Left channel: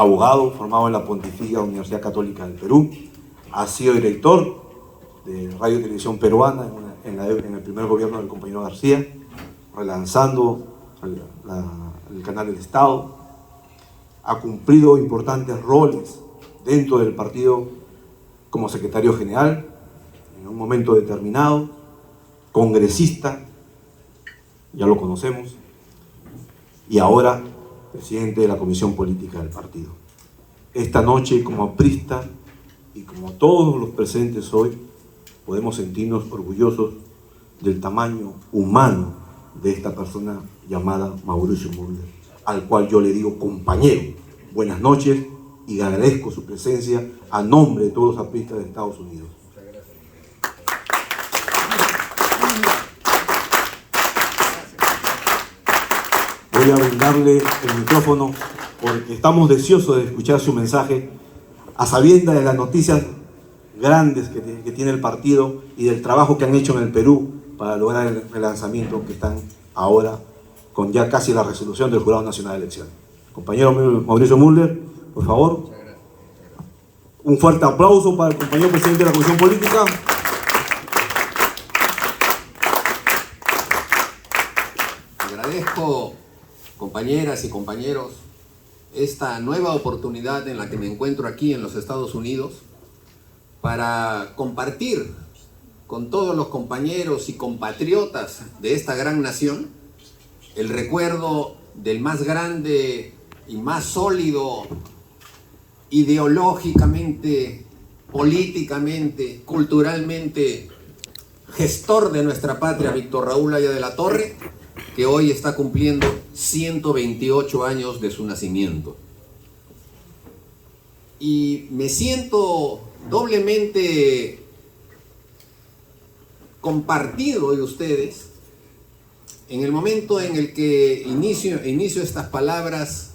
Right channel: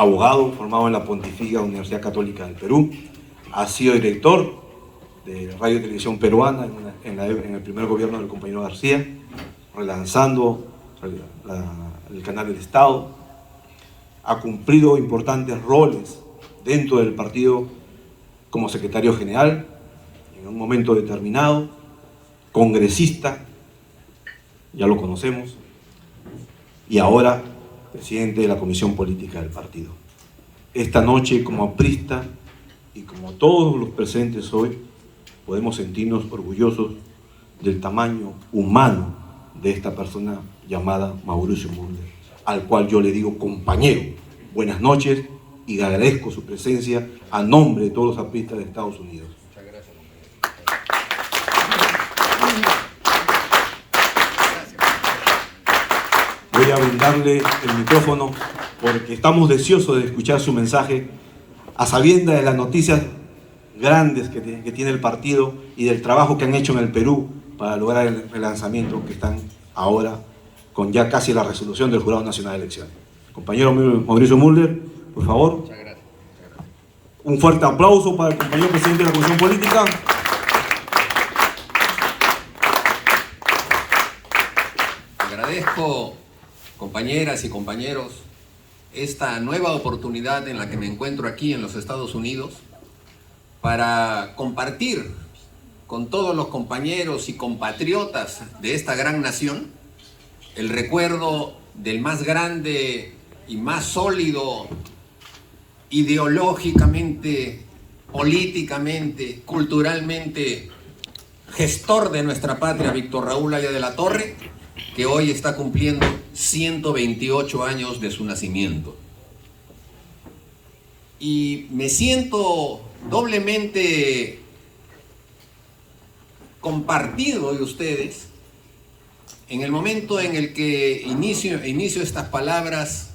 abogado formado en la Pontificia Universidad Católica del Perú, ha sido director de Radio y Televisión Peruana en el primer gobierno del compañero García, relanzando el canal del Estado, ha cumplido importantes roles dentro del partido como secretario general, en un momento determinado, congresista, ya lo conocemos, y ahora presidente de la Comisión Política del partido. Esta noche, como aprista y como todos los presentes hoy, podemos sentirnos orgullosos del tamaño humano de esta persona llamada Mauricio Mulder, al cual yo le digo compañero. Buenas noches y agradezco su presencia a nombre de todos los apristas de Estados Unidos. Muchas gracias. Voy a brindarle el micrófono porque estamos deseosos de escuchar su mensaje a sabiendas de las noticias grandes que tiene el partido y del trabajo que han hecho en el Perú para lograr el relanzamiento que están ahora con ya casi la resolución del Jurado Nacional de Elecciones. Compañero Mauricio Mulder, por favor. Muchas gracias. Un fuerte aplauso para el compañero presidente de la Comisión Política. Agradezco, compañeras y compañeros, esta nueva oportunidad en la que me encuentro aquí en los Estados Unidos para compartir con todos los compañeros y compatriotas de esta gran nación el recuerdo del más grande y más sólido ideológicamente, políticamente, culturalmente gestor de nuestra patria, Víctor Raúl Haya de la Torre, que hoy está cumpliendo 128 años de su nacimiento. Y me siento doblemente compartido de ustedes en el momento en el que inicio estas palabras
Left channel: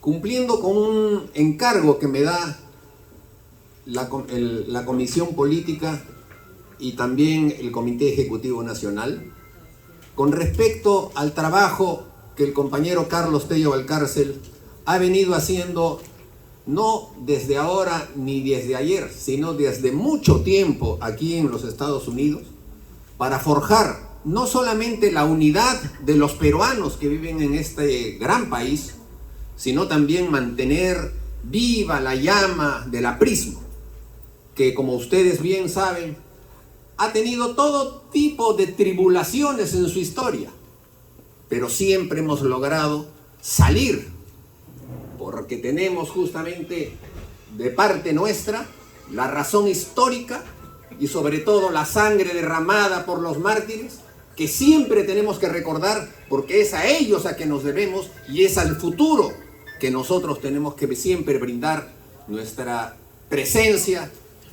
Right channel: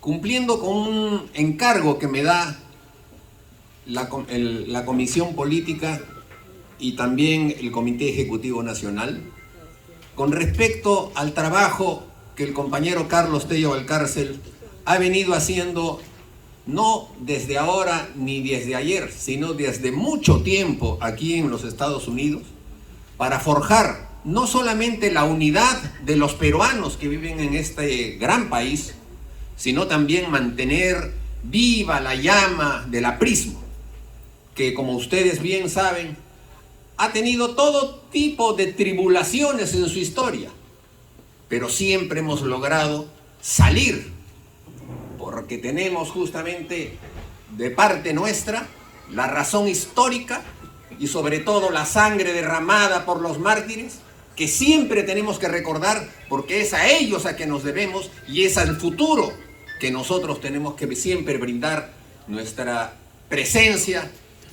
cumpliendo con un encargo que me da la Comisión Política y también el Comité Ejecutivo Nacional con respecto al trabajo que el compañero Carlos Tello Valcárcel ha venido haciendo no desde ahora ni desde ayer, sino desde mucho tiempo aquí en los Estados Unidos, para forjar no solamente la unidad de los peruanos que viven en este gran país, sino también mantener viva la llama del aprismo, que como ustedes bien saben, ha tenido todo tipo de tribulaciones en su historia, pero siempre hemos logrado salir, porque tenemos justamente de parte nuestra la razón histórica y sobre todo la sangre derramada por los mártires, que siempre tenemos que recordar, porque es a ellos a que nos debemos y es al futuro que nosotros tenemos que siempre brindar nuestra presencia,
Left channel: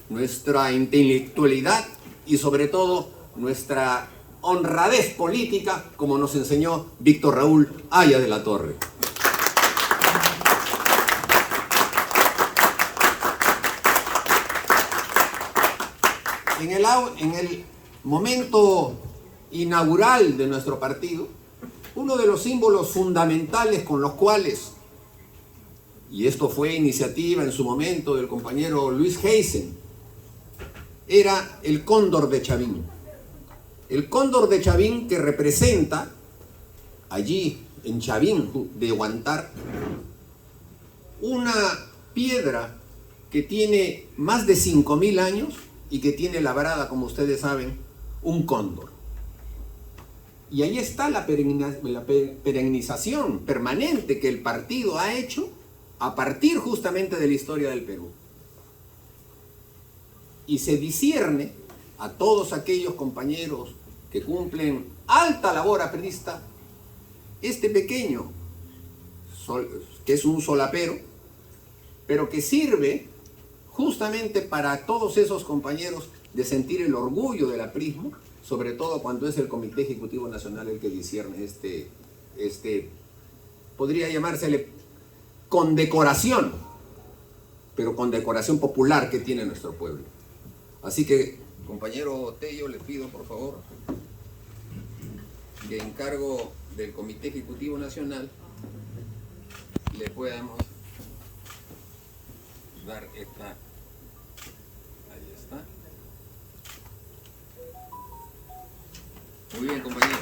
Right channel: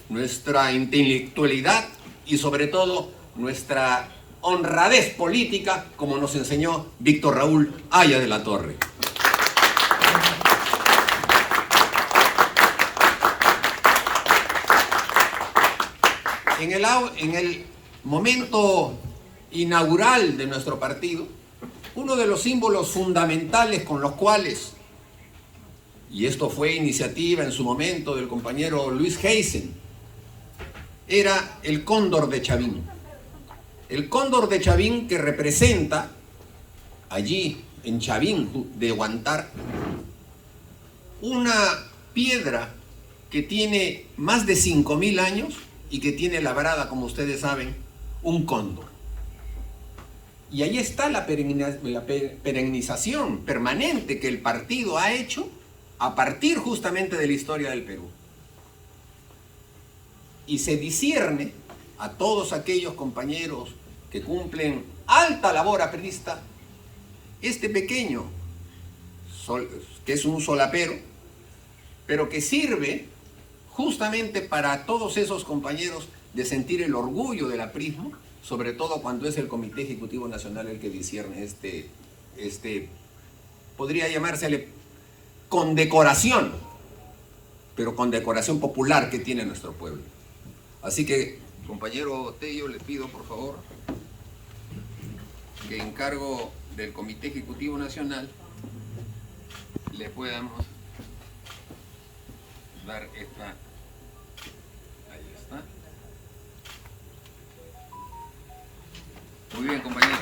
nuestra intelectualidad y sobre todo nuestra honradez política, como nos enseñó Víctor Raúl Haya de la Torre. En el momento inaugural de nuestro partido, uno de los símbolos fundamentales con los cuales, y esto fue iniciativa en su momento del compañero Luis Heisen, era el cóndor de Chavín. El cóndor de Chavín que representa allí en Chavín de Huántar una piedra que tiene más de 5.000 años y que tiene labrada, como ustedes saben, un cóndor. Y ahí está la perennización permanente que el partido ha hecho a partir justamente de la historia del Perú. Y se discierne a todos aquellos compañeros que cumplen alta labor aprista, este pequeño, que es un solapero, pero que sirve justamente para todos esos compañeros de sentir el orgullo del aprismo, sobre todo cuando es el Comité Ejecutivo Nacional el que discierne podría llamársele condecoración, pero condecoración popular que tiene nuestro pueblo. Así que, compañero Tello, les pido por favor que en cargo del Comité Ejecutivo Nacional le podamos dar esta. Ahí está. Muy bien, compañeros.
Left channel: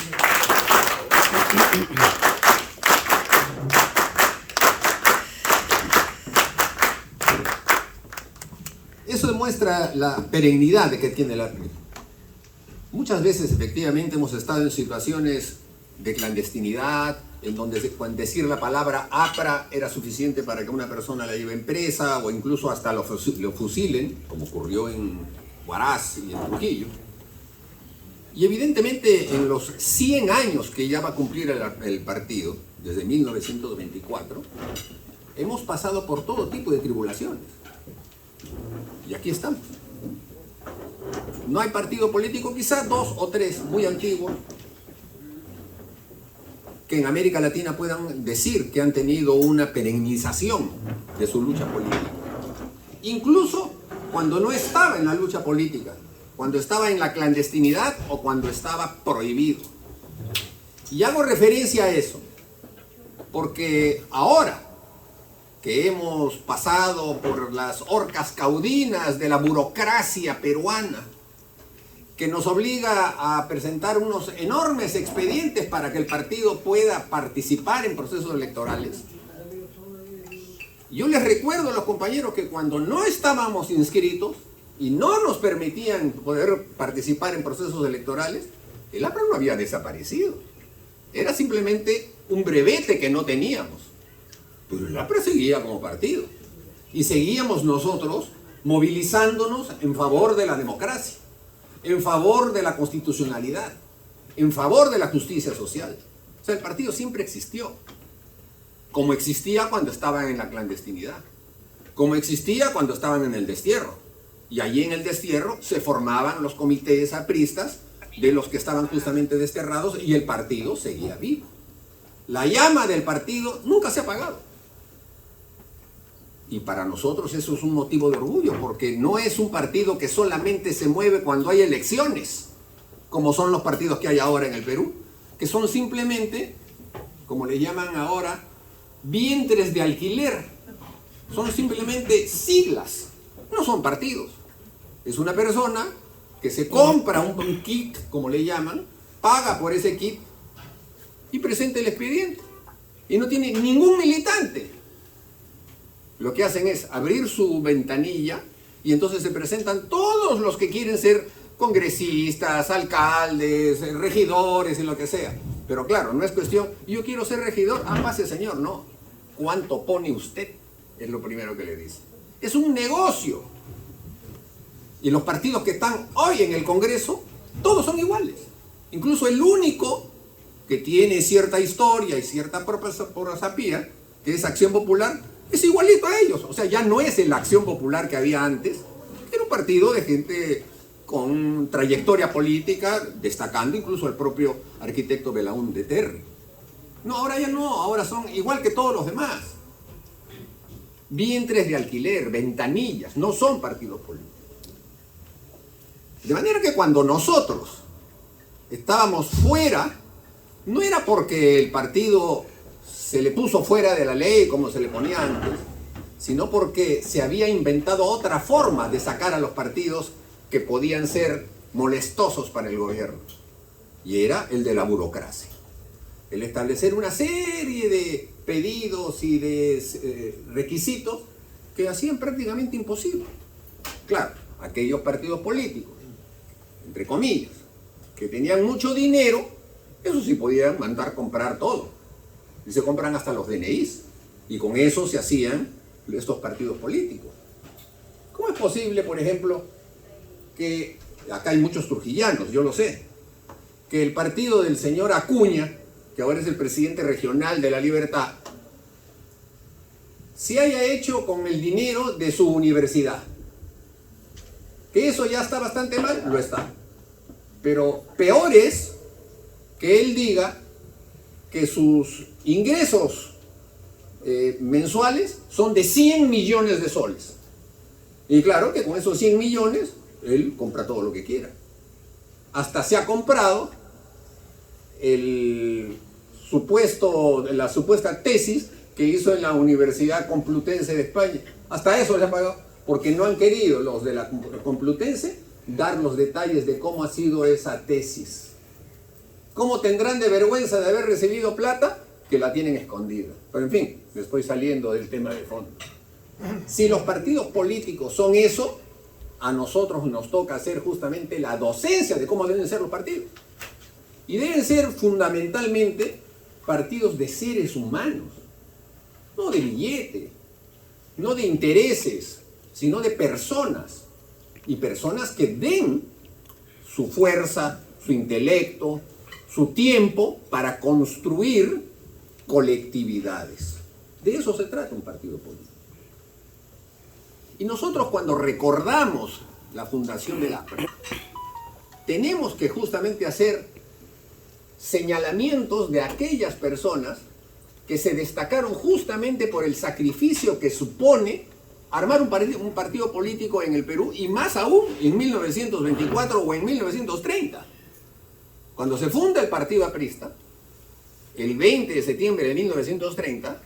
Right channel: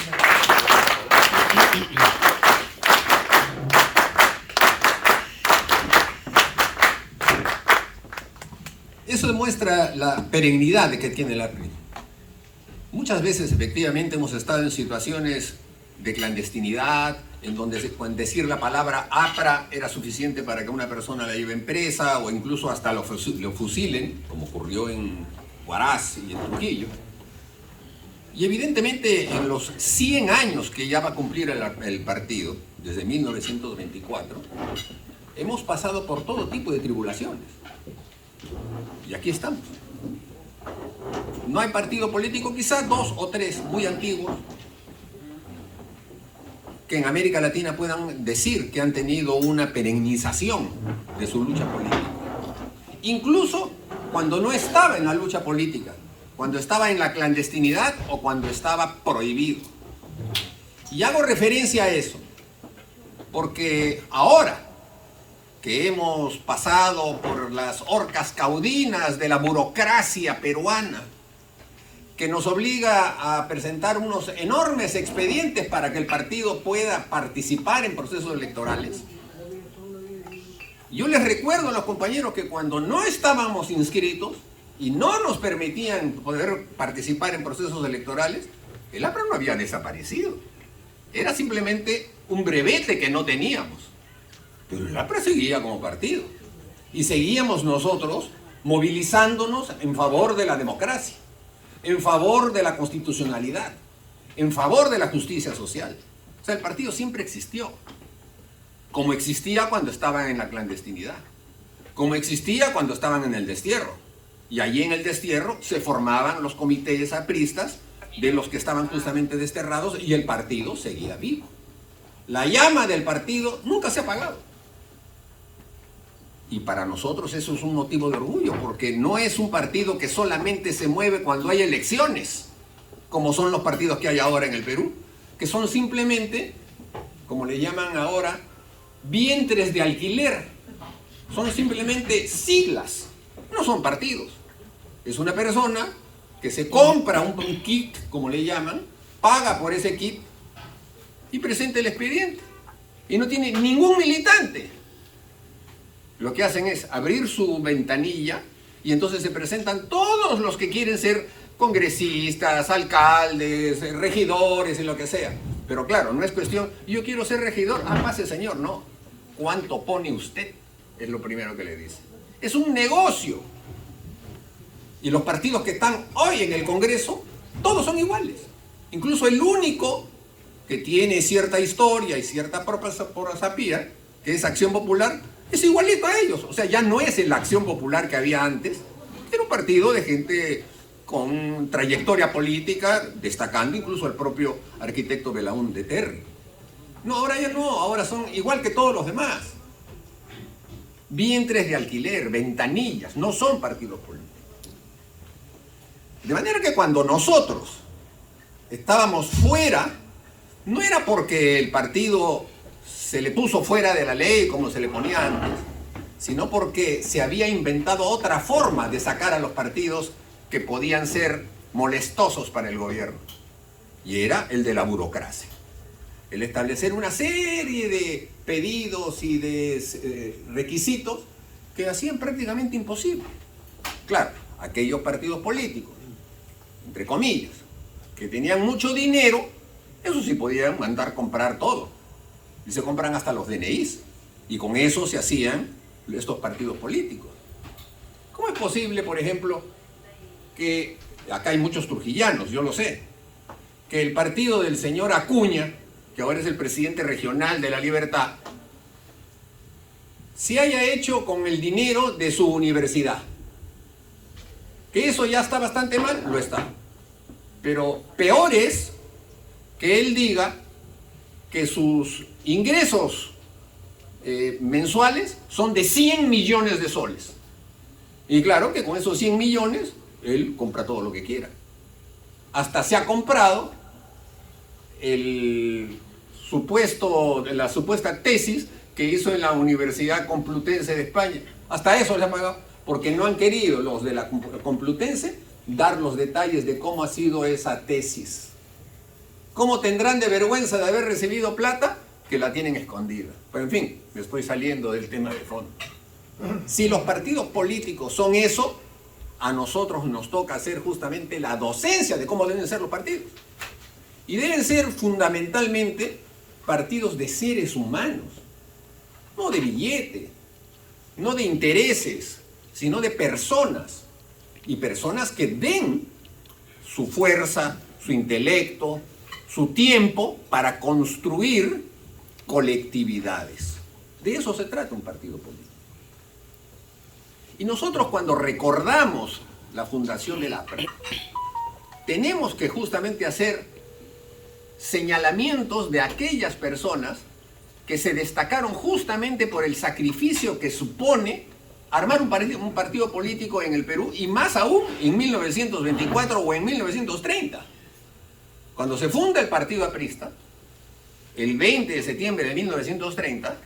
Eso demuestra la perennidad que tiene la ley. Muchas veces, efectivamente, hemos estado en situaciones de clandestinidad, en donde decir la palabra APRA era suficiente para que una persona la lleve presa o incluso hasta lo fusilen, como ocurrió en Huaraz y en Trujillo. Y evidentemente en los 100 años que ya va a cumplir el partido, desde 1924, hemos pasado por todo tipo de tribulaciones. Y aquí estamos. No hay partido político, quizás 2 o 3 muy antiguos, que en América Latina puedan decir que han tenido una perennización de su lucha política. Incluso cuando no estaba en la lucha política, cuando estaba en la clandestinidad o cuando estaba prohibido. Y hago referencia a eso, porque ahora que hemos pasado por las horcas caudinas de la burocracia peruana, que nos obliga a presentar unos enormes expedientes para que el partido pueda participar en procesos electorales. Yo les recuerdo a los compañeros que cuando no estábamos inscritos y no nos permitían poder participar en procesos electorales, el APRA no había desaparecido. Era simplemente un brevete que no teníamos. Pero el APRA seguía como partido. Y seguíamos nosotros movilizándonos en favor de la democracia, en favor de la constitucionalidad, en favor de la justicia social. O sea, el partido siempre existió, como existía cuando estaban en la clandestinidad, como existía cuando estaban en el destierro. Y allí en el destierro se formaban los comités apristas de los que estaban justamente desterrados y el partido seguía vivo. La llama del partido nunca se ha apagado. Y para nosotros eso es un motivo de orgullo, porque no es un partido que solamente se mueve cuando hay elecciones, como son los partidos que hay ahora en el Perú, que son simplemente, como le llaman ahora, vientres de alquiler. Son simplemente siglas, no son partidos. Es una persona que se compra un kit, como le llaman, paga por ese kit y presenta el expediente. Y no tiene ningún militante. Lo que hacen es abrir su ventanilla y entonces se presentan todos los que quieren ser congresistas, alcaldes, regidores y lo que sea. Pero claro, no es cuestión, yo quiero ser regidor, pase señor, no. ¿Cuánto pone usted? Es lo primero que le dice. Es un negocio. Y los partidos que están hoy en el Congreso, todos son iguales. Incluso el único que tiene cierta historia y cierta prosapía, que es Acción Popular, es igualito a ellos. O sea, ya no es la Acción Popular que había antes. Era un partido de gente con trayectoria política, destacando incluso al propio arquitecto Belaúnde Terry. No, ahora ya no, ahora son igual que todos los demás. Vientres de alquiler, ventanillas, no son partidos políticos. De manera que cuando nosotros estábamos fuera, no era porque el partido se le puso fuera de la ley como se le ponía antes, sino porque se había inventado otra forma de sacar a los partidos que podían ser molestosos para el gobierno. Y era el de la burocracia. El establecer una serie de pedidos y de requisitos que hacían prácticamente imposible. Claro, aquellos partidos políticos, entre comillas, que tenían mucho dinero, eso sí podían mandar comprar todo. Y se compran hasta los DNIs. Y con eso se hacían estos partidos políticos. ¿Cómo es posible, por ejemplo, que, acá hay muchos trujillanos, yo lo sé, que el partido del señor Acuña, que ahora es el presidente regional de La Libertad, se haya hecho con el dinero de su universidad? Que eso ya está bastante mal, lo está. Pero peor es que él diga que sus ingresos mensuales son de 100 millones de soles. Y claro que con esos 100 millones, él compra todo lo que quiera. Hasta se ha comprado la supuesta tesis que hizo en la Universidad Complutense de España. Hasta eso le han pagado, porque no han querido los de la Complutense dar los detalles de cómo ha sido esa tesis. ¿Cómo tendrán de vergüenza de haber recibido plata? Que la tienen escondida. Pero en fin, me estoy saliendo del tema de fondo. Si los partidos políticos son eso, a nosotros nos toca hacer justamente la docencia de cómo deben ser los partidos. Y deben ser fundamentalmente partidos de seres humanos, no de billete, no de intereses, sino de personas. Y personas que den su fuerza, su intelecto, su tiempo para construir colectividades. De eso se trata un partido político. Y nosotros cuando recordamos la fundación del APRA, tenemos que justamente hacer señalamientos de aquellas personas que se destacaron justamente por el sacrificio que supone armar un partido político en el Perú, y más aún en 1924 o en 1930. Cuando se funda el partido aprista, el 20 de septiembre de 1930,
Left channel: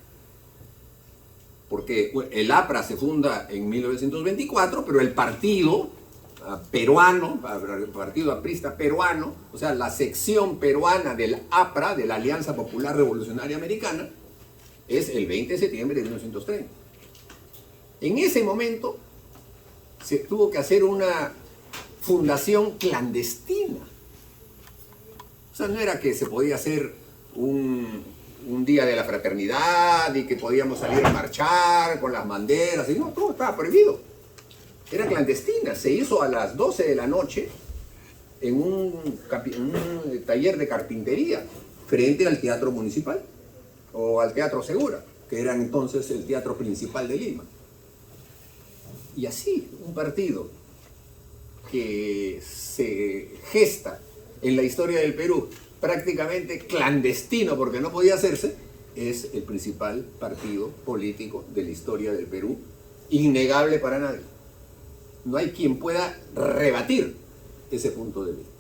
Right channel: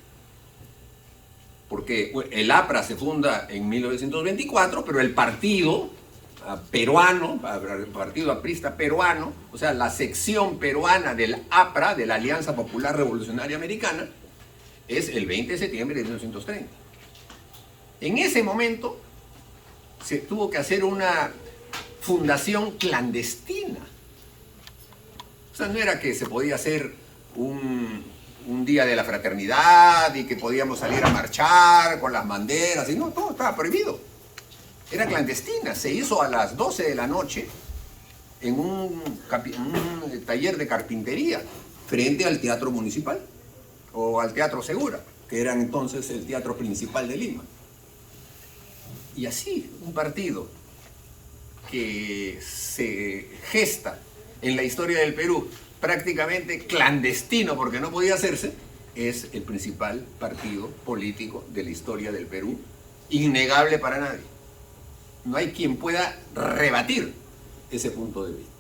porque el APRA se funda en 1924, pero el partido peruano, el partido aprista peruano, o sea, la sección peruana del APRA, de la Alianza Popular Revolucionaria Americana, es el 20 de septiembre de 1930. En ese momento se tuvo que hacer una fundación clandestina. O sea, no era que se podía hacer un día de la fraternidad y que podíamos salir a marchar con las banderas, y no, todo estaba prohibido. Era clandestina, se hizo a las 12 de la noche en un taller de carpintería frente al Teatro Municipal o al Teatro Segura, que era entonces el teatro principal de Lima. Y así, un partido que se gesta en la historia del Perú prácticamente clandestino porque no podía hacerse, es el principal partido político de la historia del Perú, innegable para nadie. No hay quien pueda rebatir ese punto de vista.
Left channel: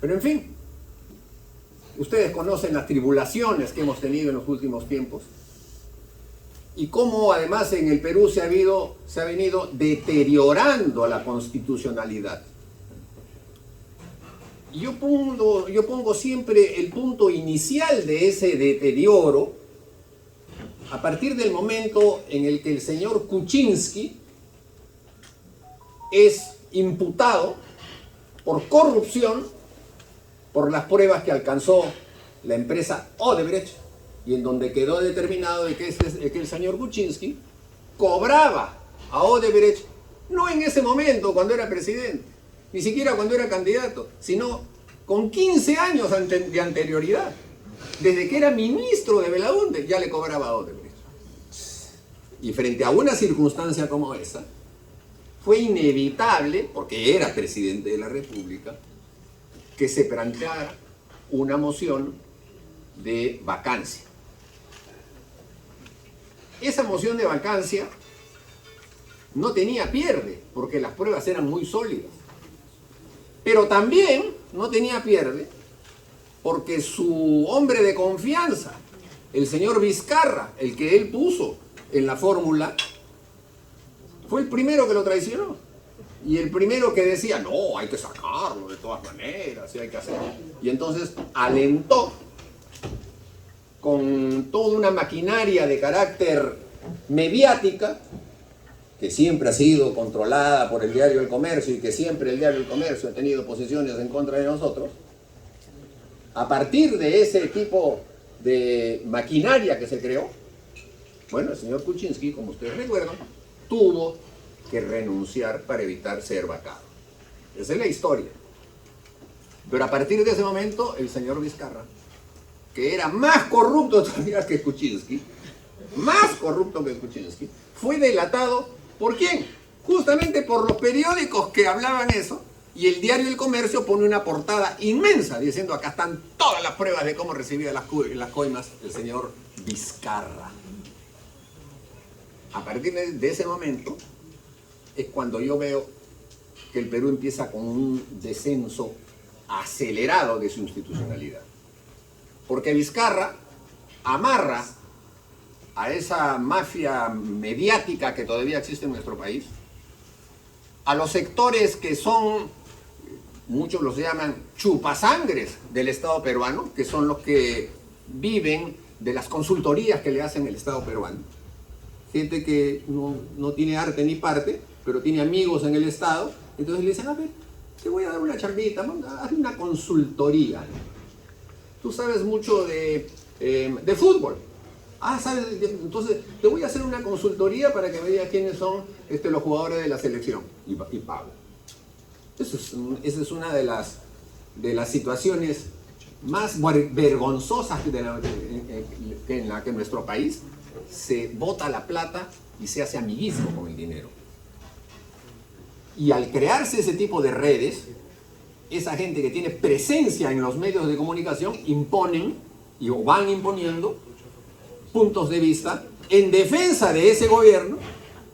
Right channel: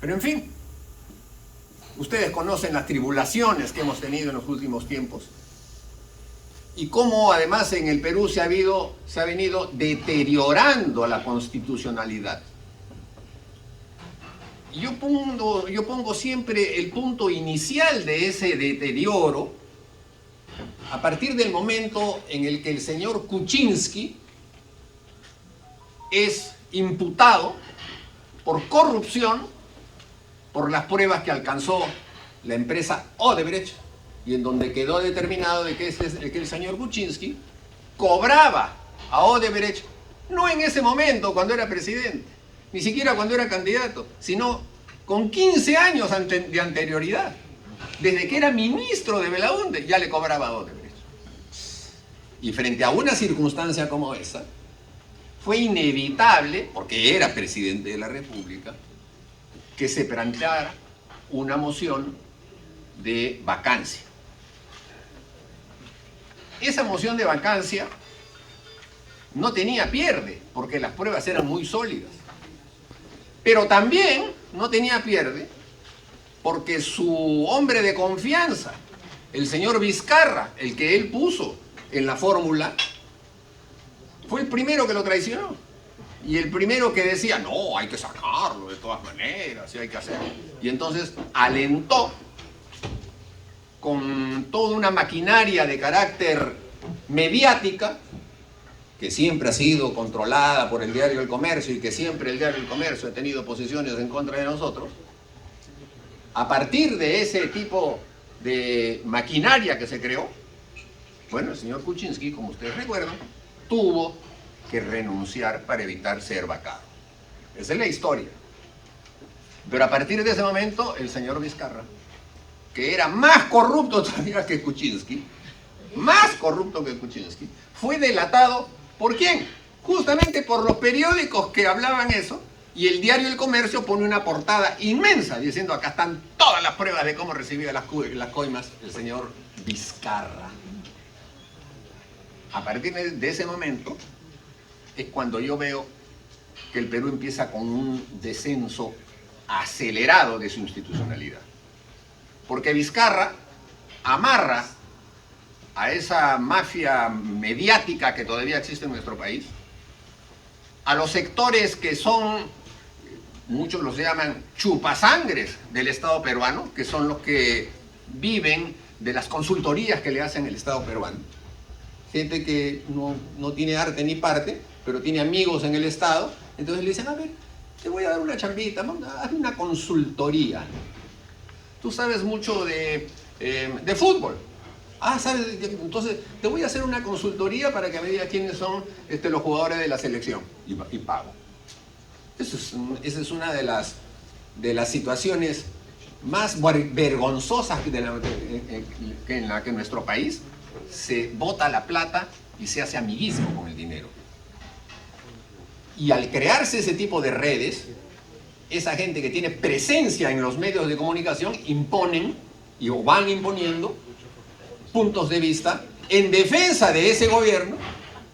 Pero en fin, ustedes conocen las tribulaciones que hemos tenido en los últimos tiempos y cómo además en el Perú se ha venido deteriorando la constitucionalidad. Yo pongo siempre el punto inicial de ese deterioro a partir del momento en el que el señor Kuczynski es imputado por corrupción por las pruebas que alcanzó la empresa Odebrecht, y en donde quedó determinado de que el señor Kuczynski cobraba a Odebrecht, no en ese momento cuando era presidente, ni siquiera cuando era candidato, sino con 15 años de anterioridad. Desde que era ministro de Belaúnde ya le cobraba a Odebrecht. Y frente a una circunstancia como esa, fue inevitable, porque era presidente de la República, que se planteara una moción de vacancia. Esa moción de vacancia no tenía pierde, porque las pruebas eran muy sólidas. Pero también no tenía pierde, porque su hombre de confianza, el señor Vizcarra, el que él puso en la fórmula, fue el primero que lo traicionó. Y el primero que decía, no, hay que sacarlo de todas maneras, y hay que hacerlo. Y entonces alentó con toda una maquinaria de carácter mediática, que siempre ha sido controlada por el diario El Comercio y que siempre el diario El Comercio ha tenido posiciones en contra de nosotros. A partir de ese tipo de maquinaria que se creó, bueno, el señor Kuczynski, como ustedes recuerdan, tuvo que renunciar para evitar ser vacado. Esa es la historia. Pero a partir de ese momento, el señor Vizcarra, que era más corrupto todavía que Kuczynski, fue delatado. ¿Por quién? Justamente por los periódicos que hablaban eso, y el diario El Comercio pone una portada inmensa diciendo, acá están todas las pruebas de cómo recibía las coimas el señor Vizcarra. A partir de ese momento es cuando yo veo que el Perú empieza con un descenso acelerado de su institucionalidad. Porque Vizcarra amarra a esa mafia mediática que todavía existe en nuestro país, a los sectores que son, muchos los llaman chupasangres del Estado peruano, que son los que viven de las consultorías que le hacen el Estado peruano. Gente que no tiene arte ni parte, pero tiene amigos en el Estado, entonces le dicen, a ver, te voy a dar una chambita, hazme una consultoría. Tú sabes mucho de fútbol. ¿Sabes? Entonces te voy a hacer una consultoría para que me digas quiénes son los jugadores de la selección. Y pago. Esa es una de las situaciones más vergonzosas en la que nuestro país se bota la plata y se hace amiguismo con el dinero. Y al crearse ese tipo de redes, esa gente que tiene presencia en los medios de comunicación imponen o van imponiendo puntos de vista en defensa de ese gobierno,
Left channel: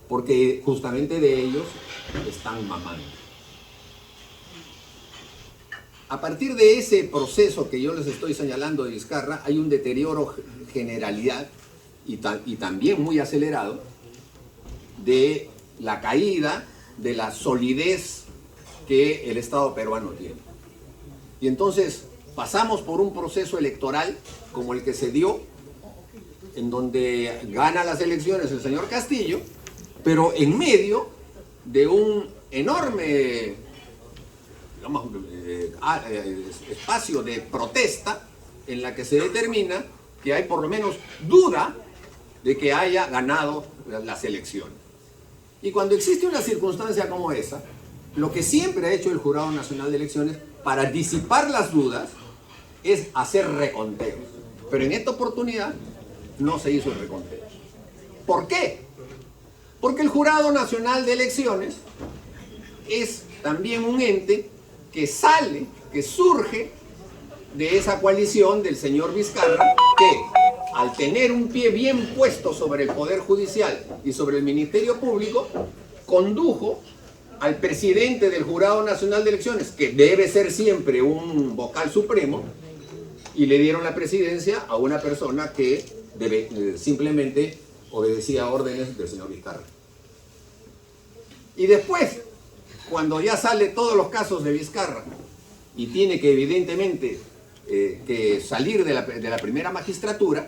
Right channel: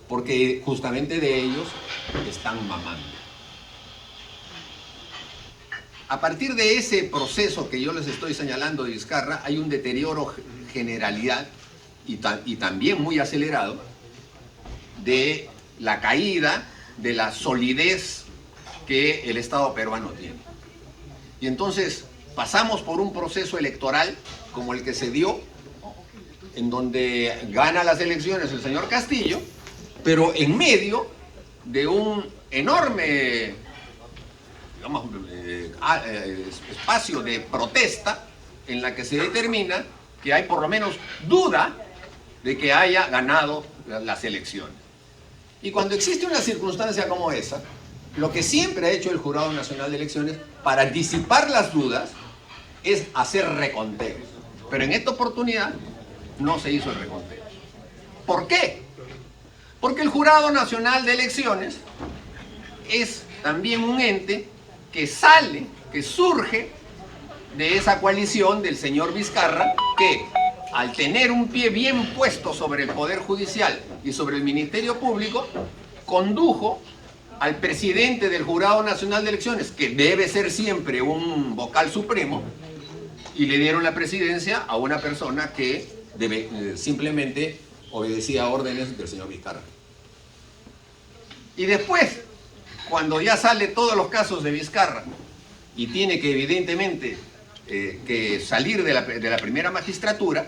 porque justamente de ellos están mamando. A partir de ese proceso que yo les estoy señalando de Vizcarra, hay un deterioro generalidad y también muy acelerado de la caída de la solidez que el Estado peruano tiene. Y entonces pasamos por un proceso electoral como el que se dio, en donde gana las elecciones el señor Castillo, pero en medio de un enorme espacio de protesta en la que se determina que hay por lo menos duda de que haya ganado las elecciones. Y cuando existe una circunstancia como esa, lo que siempre ha hecho el Jurado Nacional de Elecciones para disipar las dudas es hacer reconteos. Pero en esta oportunidad no se hizo el reconteo. ¿Por qué? Porque el Jurado Nacional de Elecciones es también un ente que surge de esa coalición del señor Vizcarra, que al tener un pie bien puesto sobre el Poder Judicial y sobre el Ministerio Público, condujo al presidente del Jurado Nacional de Elecciones, que debe ser siempre un vocal supremo, y le dieron la presidencia a una persona que simplemente obedecía órdenes del señor Vizcarra. Y después, cuando ya sale todos los casos de Vizcarra y tiene que evidentemente que salir de la primera magistratura,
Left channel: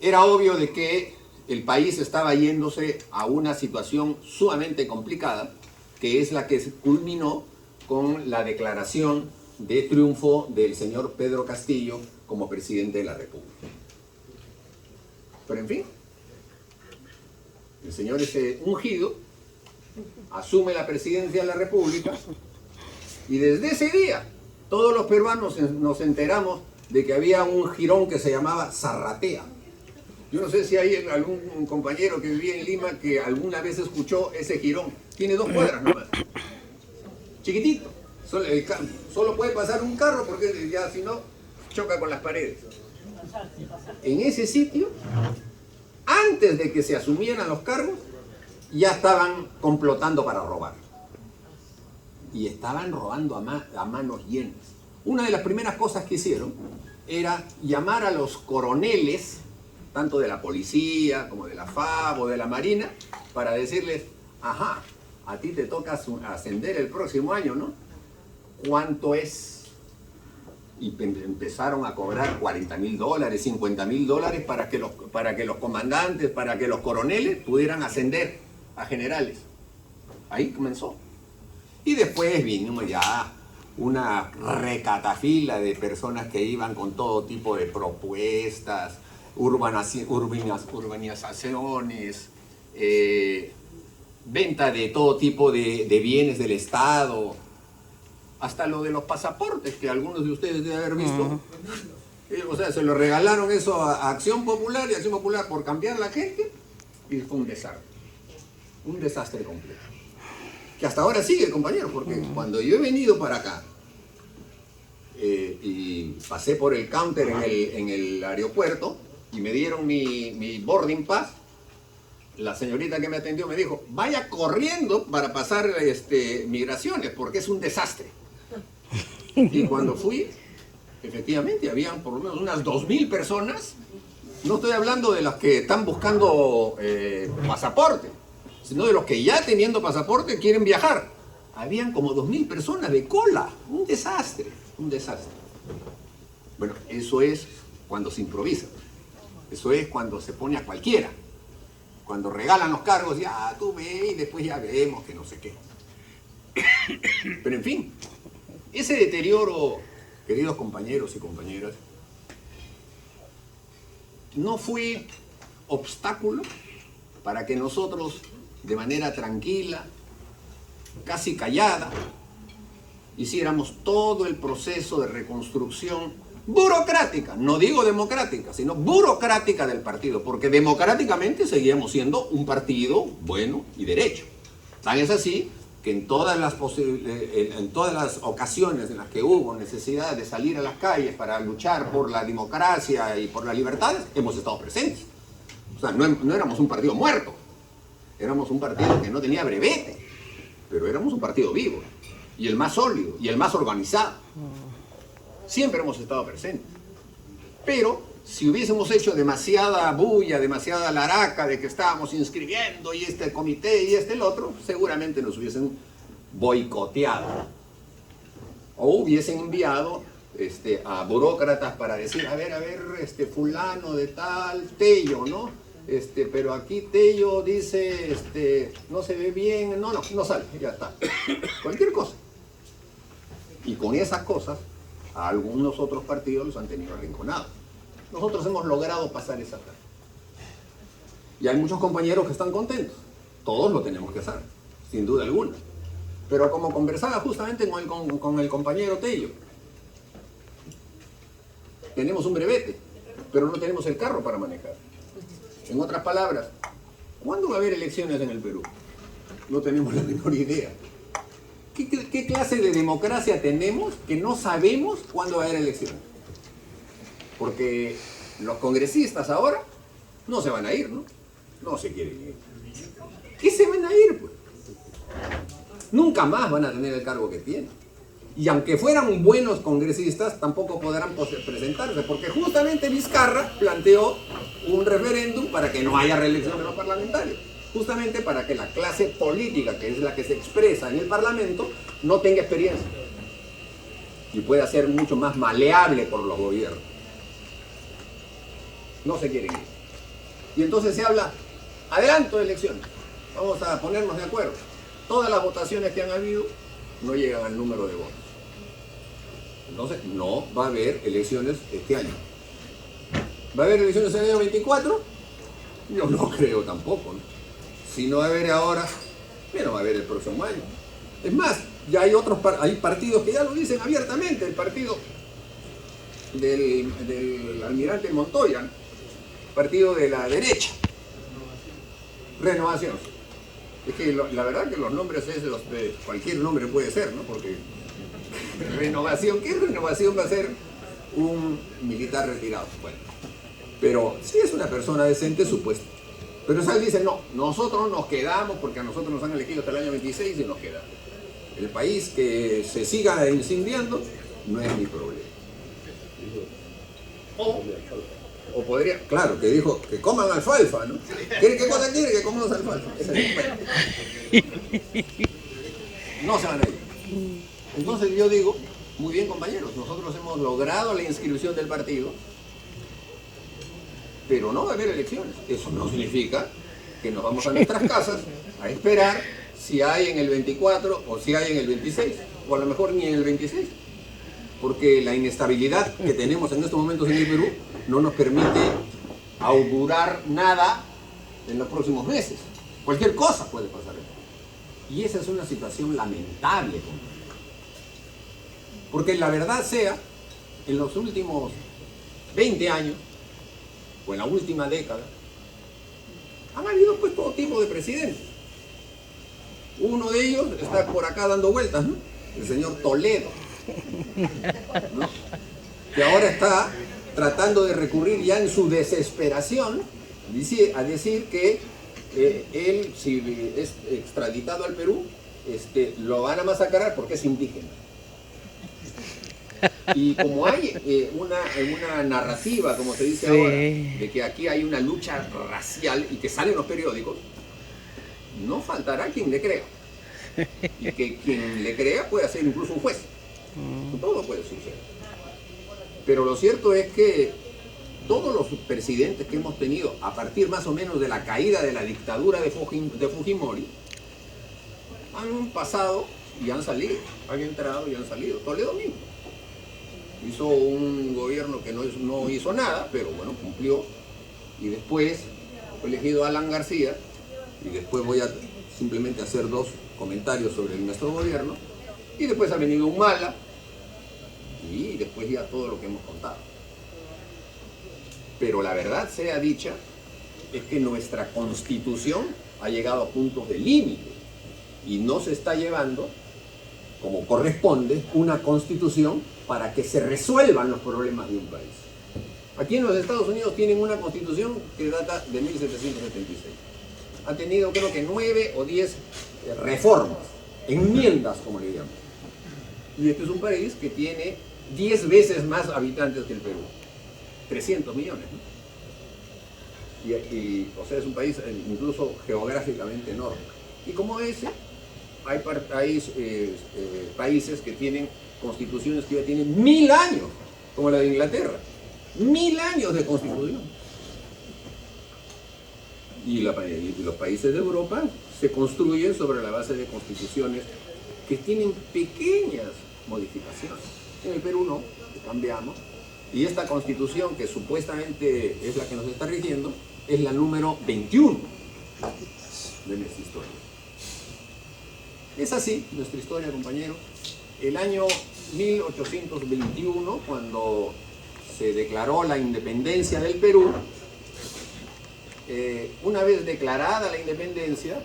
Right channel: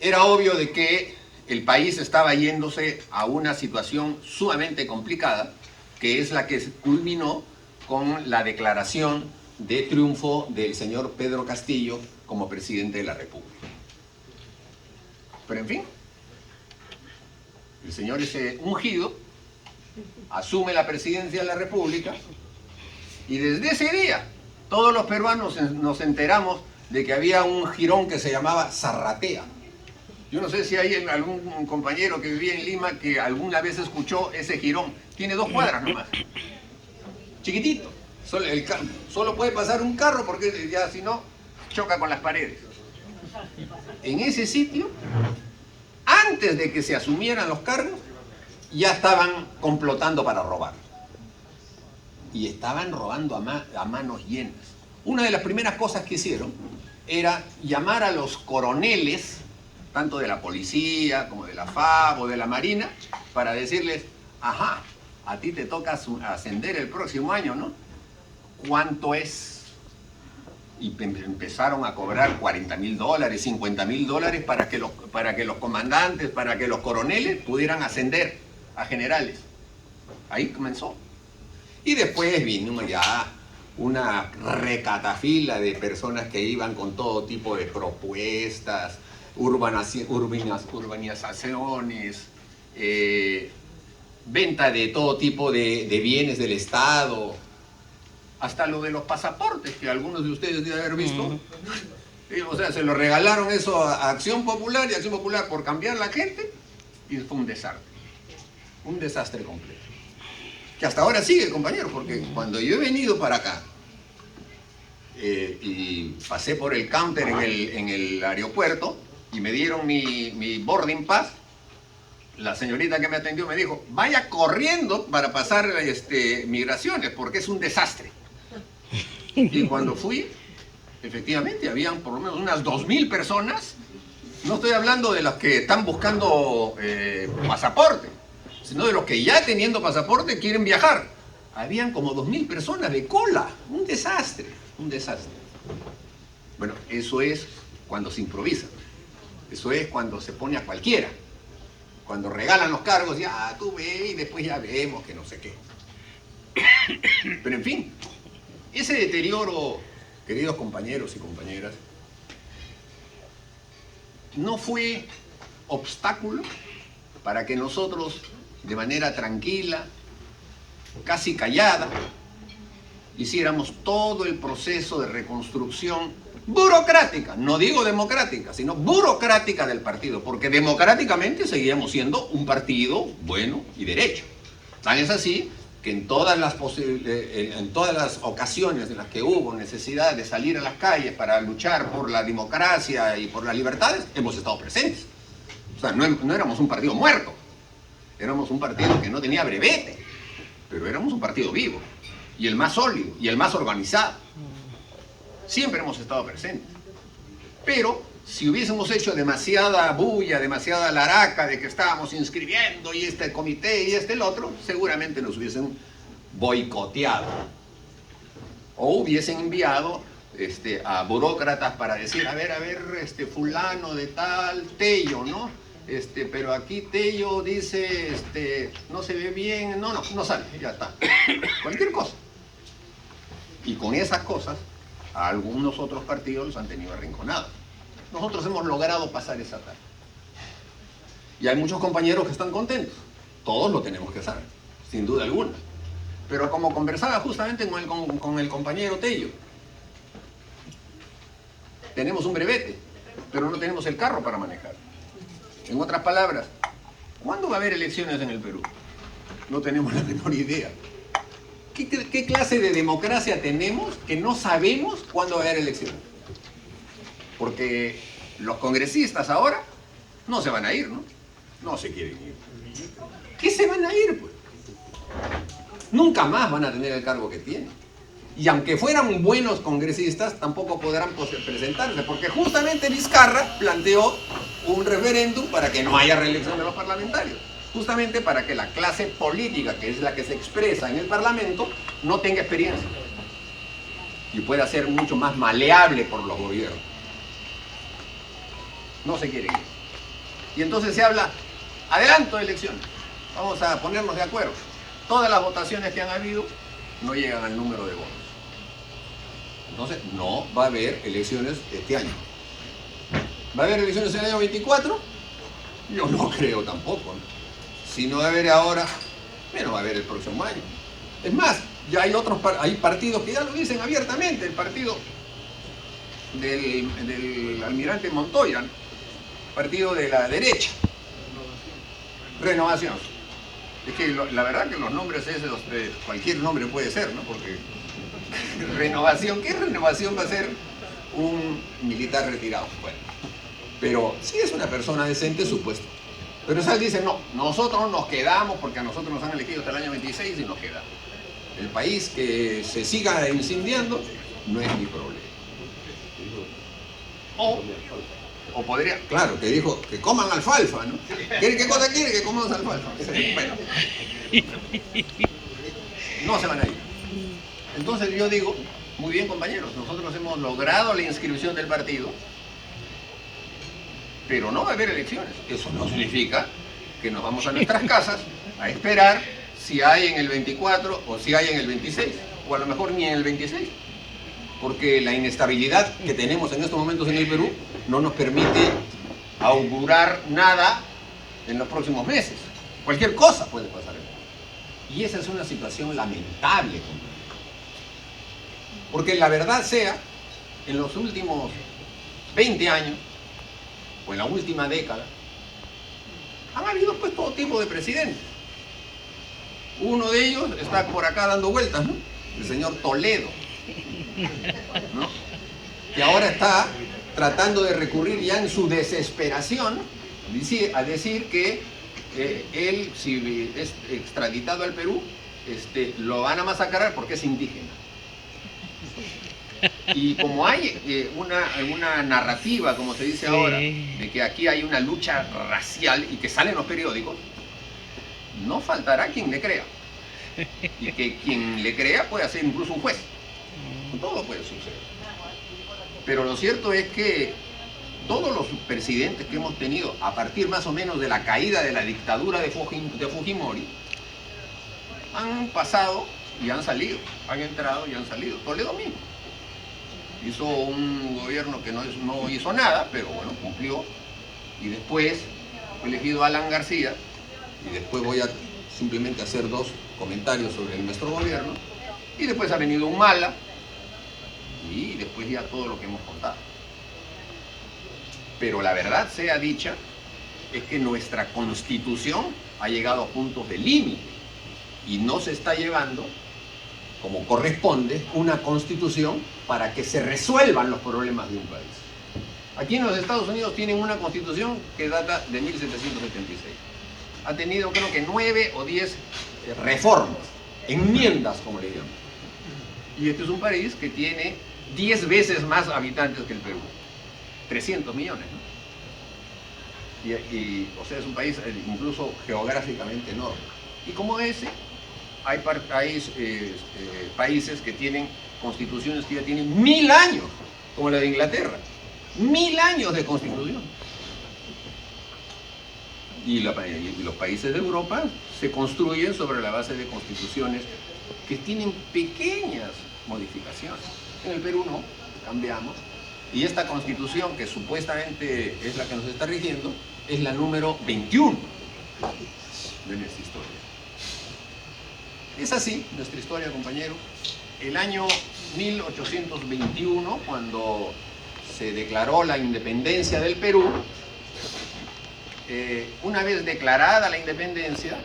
era obvio de que el país estaba yéndose a una situación sumamente complicada, que es la que culminó con la declaración de triunfo del señor Pedro Castillo como presidente de la República. Pero en fin, el señor es ungido, asume la presidencia de la República, y desde ese día todos los peruanos nos enteramos de que había un jirón que se llamaba Zarratea. Yo no sé si hay algún compañero que vivía en Lima que alguna vez escuchó ese jirón. Tiene 2 cuadras nomás, chiquitito. Solo puede pasar un carro porque ya si no choca con las paredes. En ese sitio, antes de que se asumieran los cargos, ya estaban complotando para robar. Y estaban robando a manos llenas. Una de las primeras cosas que hicieron era llamar a los coroneles, tanto de la policía como de la FAB o de la Marina, para decirles, ajá, a ti te toca ascender el próximo año, ¿no? ¿Cuánto es? Y empezaron a cobrar $40.000, $50.000 para que los comandantes, para que los coroneles pudieran ascender a generales. Ahí comenzó. Y después vino ya una recatafila de personas que iban con todo tipo de propuestas, urbanizaciones, venta de todo tipo de bienes del Estado, hasta lo de los pasaportes, que algunos de ustedes deben haber visto. O sea, se lo regalaron eso a Acción Popular, y Acción Popular por cambiar la gente, y fue un desastre completo. Que hasta ahora sigue, compañero, porque cuando yo he venido para acá y pasé por el counter en el aeropuerto y me dieron mi boarding pass, la señorita que me atendió me dijo, vaya corriendo para pasar migraciones, porque es un desastre. Y cuando fui, efectivamente, habían por lo menos unas 2.000 personas No estoy hablando de los que están buscando pasaporte, sino de los que ya teniendo pasaporte quieren viajar. Habían como 2000 personas de cola. Un desastre, un desastre. Bueno, eso es cuando se improvisa. Eso es cuando se pone a cualquiera. Cuando regalan los cargos, ya tú ve y después ya vemos que no sé qué. Pero en fin, ese deterioro, queridos compañeros y compañeras, no fue obstáculo para que nosotros, de manera tranquila, casi callada, hiciéramos todo el proceso de reconstrucción burocrática, no digo democrática, sino burocrática del partido, porque democráticamente seguíamos siendo un partido bueno y derecho. Tan es así que en todas las ocasiones en las que hubo necesidad de salir a las calles para luchar por la democracia y por las libertades, hemos estado presentes. O sea, no éramos un partido muerto, éramos un partido que no tenía brevete, pero éramos un partido vivo, y el más sólido, y el más organizado. Siempre hemos estado presentes. Pero si hubiésemos hecho demasiada bulla, demasiada laraca de que estábamos inscribiendo y este comité y el otro, seguramente nos hubiesen boicoteado. O hubiesen enviado a burócratas para decir, a ver, fulano de tal, Tello, ¿no? Pero aquí Tello dice, no se ve bien, no sale, ya está. Cualquier cosa. Y con esas cosas, a algunos otros partidos los han tenido arrinconados. Nosotros hemos logrado pasar esa etapa. Y hay muchos compañeros que están contentos. Todos lo tenemos que saber, sin duda alguna. Pero como conversaba justamente con el compañero Tello, tenemos un brevete, pero no tenemos el carro para manejar. En otras palabras, ¿cuándo va a haber elecciones en el Perú? No tenemos la menor idea. ¿Qué clase de democracia tenemos que no sabemos cuándo va a haber elecciones? Porque los congresistas ahora no se van a ir, ¿no? No se quieren ir. ¿Qué se van a ir, pues? Nunca más van a tener el cargo que tienen. Y aunque fueran buenos congresistas, tampoco podrán presentarse, porque justamente Vizcarra planteó un referéndum para que no haya reelección de los parlamentarios. Justamente para que la clase política, que es la que se expresa en el Parlamento, no tenga experiencia y pueda ser mucho más maleable por los gobiernos. No se quieren ir. Y entonces se habla, adelanto de elecciones, vamos a ponernos de acuerdo. Todas las votaciones que han habido no llegan al número de votos. Entonces no va a haber elecciones este año. ¿Va a haber elecciones en el año 24? Yo no creo tampoco, ¿no? Si no va a haber ahora, menos va a haber el próximo año. Es más, ya hay partidos que ya lo dicen abiertamente, el partido del almirante Montoya, ¿no? Partido de la derecha, Renovación. Es que la verdad que los nombres esos, cualquier nombre puede ser, ¿no? Porque Renovación, ¿qué renovación va a ser un militar retirado? Bueno, pero si es una persona decente, supuesto. Pero Sal dice, no, nosotros nos quedamos porque a nosotros nos han elegido hasta el año 26 y nos quedamos. El país que se siga incendiando no es mi problema. O podría, claro, que dijo que coman alfalfa, ¿no? ¿Qué cosa quiere? Que comamos alfalfa. Bueno, no se van a ir. Entonces yo digo, muy bien compañeros, nosotros hemos logrado la inscripción del partido, pero no va a haber elecciones. Eso no significa que nos vamos a nuestras casas a esperar si hay en el 24 o si hay en el 26, o a lo mejor ni en el 26, porque la inestabilidad que tenemos en estos momentos en el Perú no nos permite augurar nada en los próximos meses. Cualquier cosa puede pasar. Y esa es una situación lamentable, porque la verdad sea, en los últimos 20 años, o en la última década, han habido pues todo tipo de presidentes. Uno de ellos está por acá dando vueltas, ¿no? El señor Toledo, ¿no? Que ahora está tratando de recurrir ya en su desesperación a decir que él, si es extraditado al Perú, lo van a masacrar porque es indígena. Y como hay una narrativa, como se dice ahora, de que aquí hay una lucha racial y que sale en los periódicos, no faltará quien le crea. Y que quien le crea puede ser incluso un juez. Todo puede suceder. Pero lo cierto es que todos los presidentes que hemos tenido, a partir más o menos de la caída de la dictadura de Fujimori, han pasado y han salido, han entrado y han salido. Toledo mismo hizo un gobierno que no hizo nada, pero bueno, cumplió. Y después fue elegido Alan García, y después voy a simplemente hacer dos comentarios sobre nuestro gobierno, y después ha venido Humala, y después ya todo lo que hemos contado. Pero la verdad sea dicha, es que nuestra Constitución ha llegado a puntos de límite, y no se está llevando, como corresponde, una Constitución para que se resuelvan los problemas de un país. Aquí en los Estados Unidos tienen una Constitución que data de 1776. Ha tenido, creo que 9 o 10 reformas, enmiendas, como le llaman. Y este es un país que tiene 10 veces más habitantes que el Perú. 300 millones, ¿no? O sea, es un país incluso geográficamente enorme. Y como ese, hay países que tienen constituciones que ya tienen 1000 años, como la de Inglaterra. 1000 años de constitución. Y los países de Europa se construyen sobre la base de constituciones que tienen pequeñas modificaciones. En el Perú no, cambiamos. Y esta constitución, que supuestamente es la que nos está rigiendo, es la número 21 de nuestra historia. Es así nuestra historia, compañeros. El año 1821, cuando se declaró la independencia del Perú, una vez declarada la independencia,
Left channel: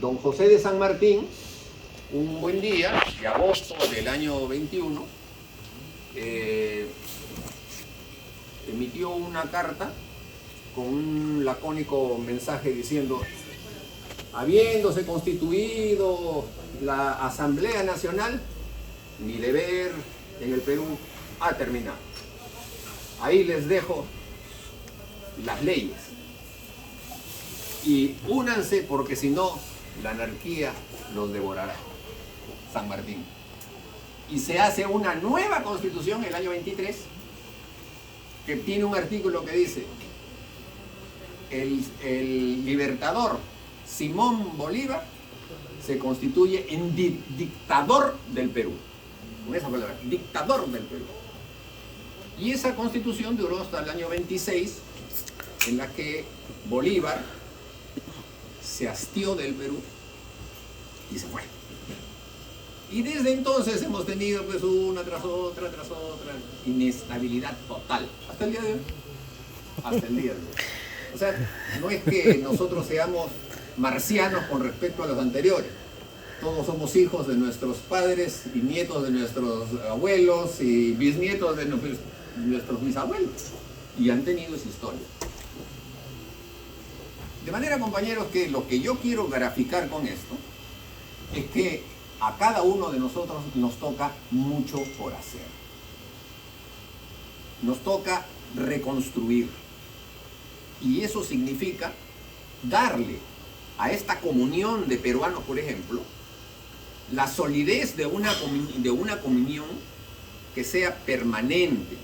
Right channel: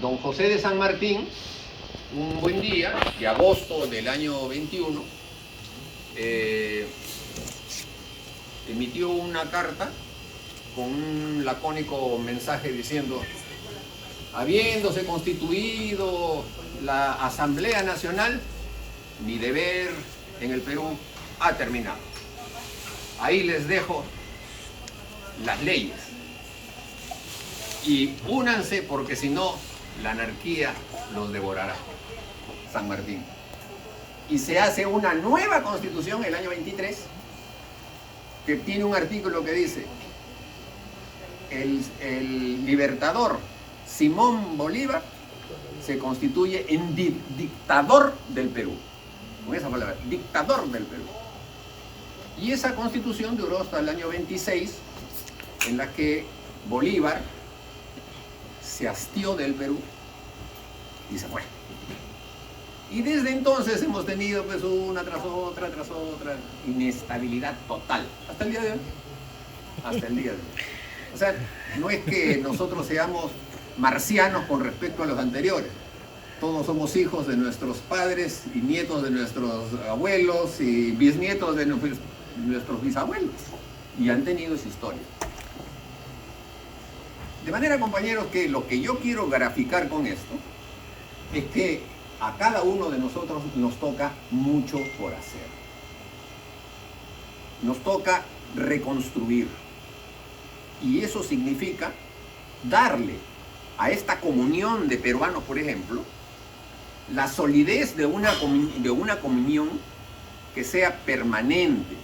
don José de San Martín, un buen día de agosto del año 21, emitió una carta con un lacónico mensaje diciendo: habiéndose constituido la Asamblea Nacional, mi deber en el Perú ha terminado. Ahí les dejo las leyes. Y únanse, porque si no, la anarquía los devorará. San Martín. Y se hace una nueva constitución el año 23, que tiene un artículo que dice: el libertador Simón Bolívar se constituye en dictador del Perú. Con esa palabra, dictador del Perú. Y esa constitución duró hasta el año 26, en la que Bolívar se hastió del Perú y se fue. Y desde entonces hemos tenido pues una tras otra, inestabilidad total, hasta el día de hoy. Hasta el día de hoy. O sea, no es que nosotros seamos marcianos con respecto a los anteriores. Todos somos hijos de nuestros padres y nietos de nuestros abuelos y bisnietos de nuestros bisabuelos. Y han tenido esa historia. De manera, compañeros, que lo que yo quiero graficar con esto es que a cada uno de nosotros nos toca mucho por hacer. Nos toca reconstruir. Y eso significa darle a esta comunión de peruanos, por ejemplo, la solidez de una comunión que sea permanente,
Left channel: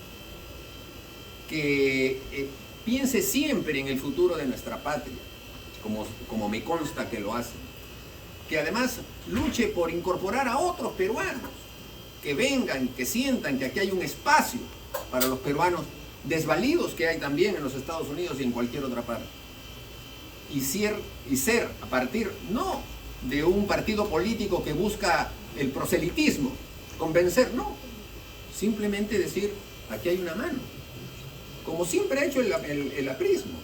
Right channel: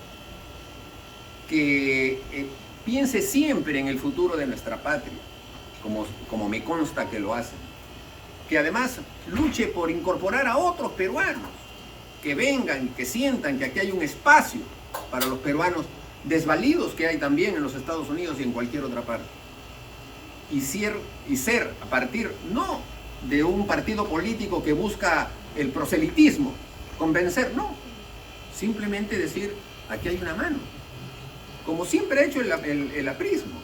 que piense siempre en el futuro de nuestra patria, como me consta que lo hacen. Que además luche por incorporar a otros peruanos, que vengan, que sientan que aquí hay un espacio para los peruanos desvalidos que hay también en los Estados Unidos y en cualquier otra parte. Y ser a partir, no de un partido político que busca el proselitismo, convencer, no. Simplemente decir, aquí hay una mano. Como siempre ha hecho el aprismo.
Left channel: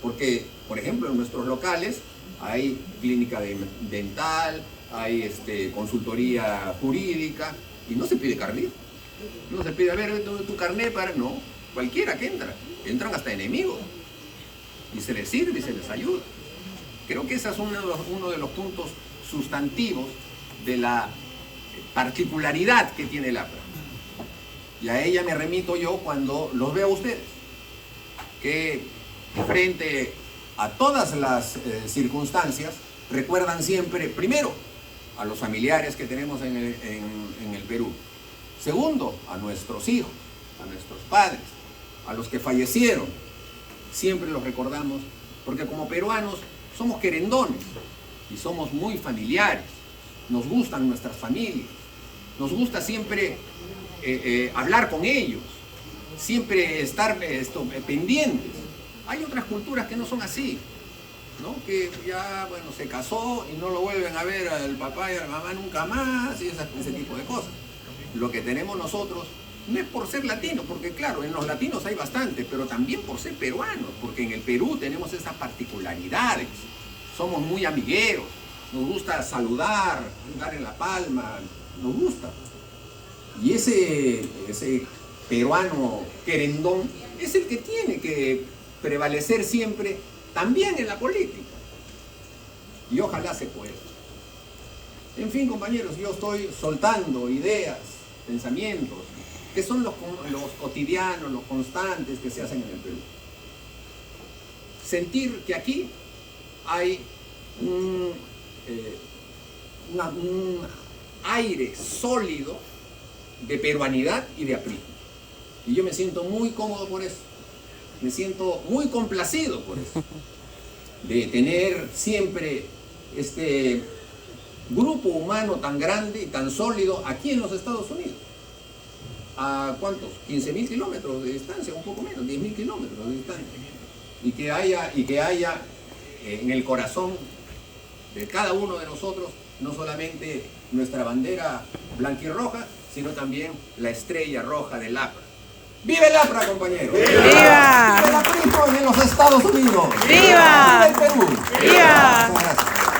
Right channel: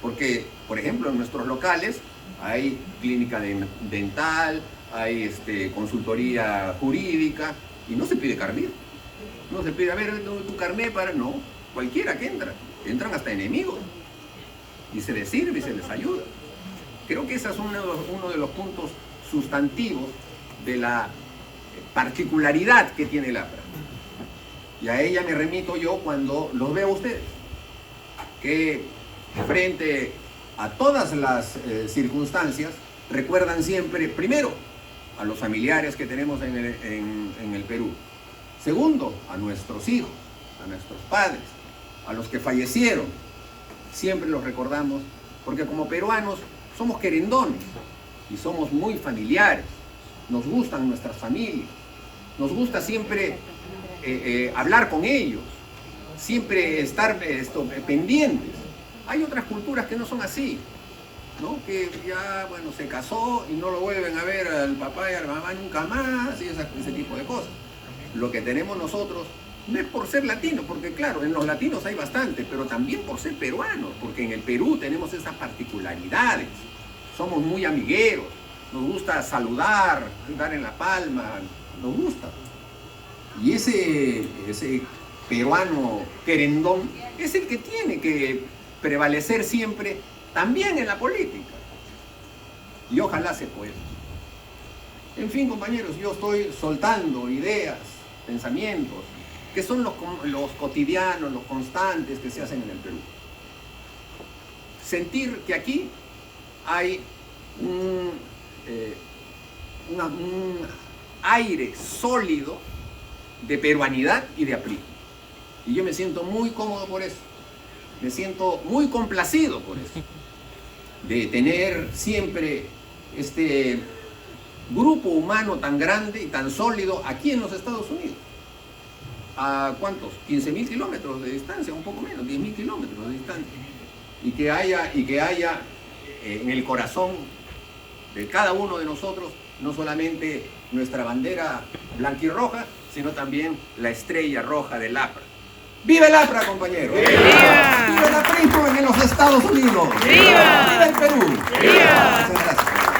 Porque, por ejemplo, en nuestros locales hay clínica dental, hay consultoría jurídica, y no se pide carnet. No se pide, a ver, tu carnet para... No, cualquiera que entra. Entran hasta enemigos. Y se les sirve y se les ayuda. Creo que ese es uno de los puntos sustantivos de la particularidad que tiene el APRA. Y a ella me remito yo cuando los veo a ustedes, que frente a todas las circunstancias recuerdan siempre, primero, a los familiares que tenemos en el Perú. Segundo, a nuestros hijos, a nuestros padres, a los que fallecieron. Siempre los recordamos, porque como peruanos somos querendones y somos muy familiares. Nos gustan nuestras familias, nos gusta siempre hablar con ellos, siempre estar pendientes. Hay otras culturas que no son así, ¿no? Que ya, bueno, se casó y no lo vuelven a ver al papá y a la mamá nunca más y ese tipo de cosas. Lo que tenemos nosotros no es por ser latinos, porque claro, en los latinos hay bastante, pero también por ser peruanos, porque en el Perú tenemos esas particularidades. Somos muy amigueros, nos gusta saludar, andar en la palma, nos gusta. Y ese peruano querendón es el que tiene que prevalecer siempre, también en la política. Y ojalá se pueda. En fin, compañeros, yo estoy soltando ideas, pensamientos, que son los cotidianos, los constantes que se hacen en el Perú. Sentir que aquí hay un aire sólido de peruanidad y de aprismo. Y yo me siento muy cómodo por eso. Me siento muy complacido por eso. De tener siempre este grupo humano tan grande y tan sólido aquí en los Estados Unidos. ¿A cuántos? 15.000 kilómetros de distancia, un poco menos, 10.000 kilómetros de distancia. Y que haya en el corazón de cada uno de nosotros no solamente nuestra bandera blanquirroja, sino también la estrella roja del APRA. ¡Viva el APRA, compañeros! ¡Viva! ¡Viva el aprismo en los Estados Unidos! ¡Viva! ¡Viva el Perú! ¡Viva! Muchas gracias.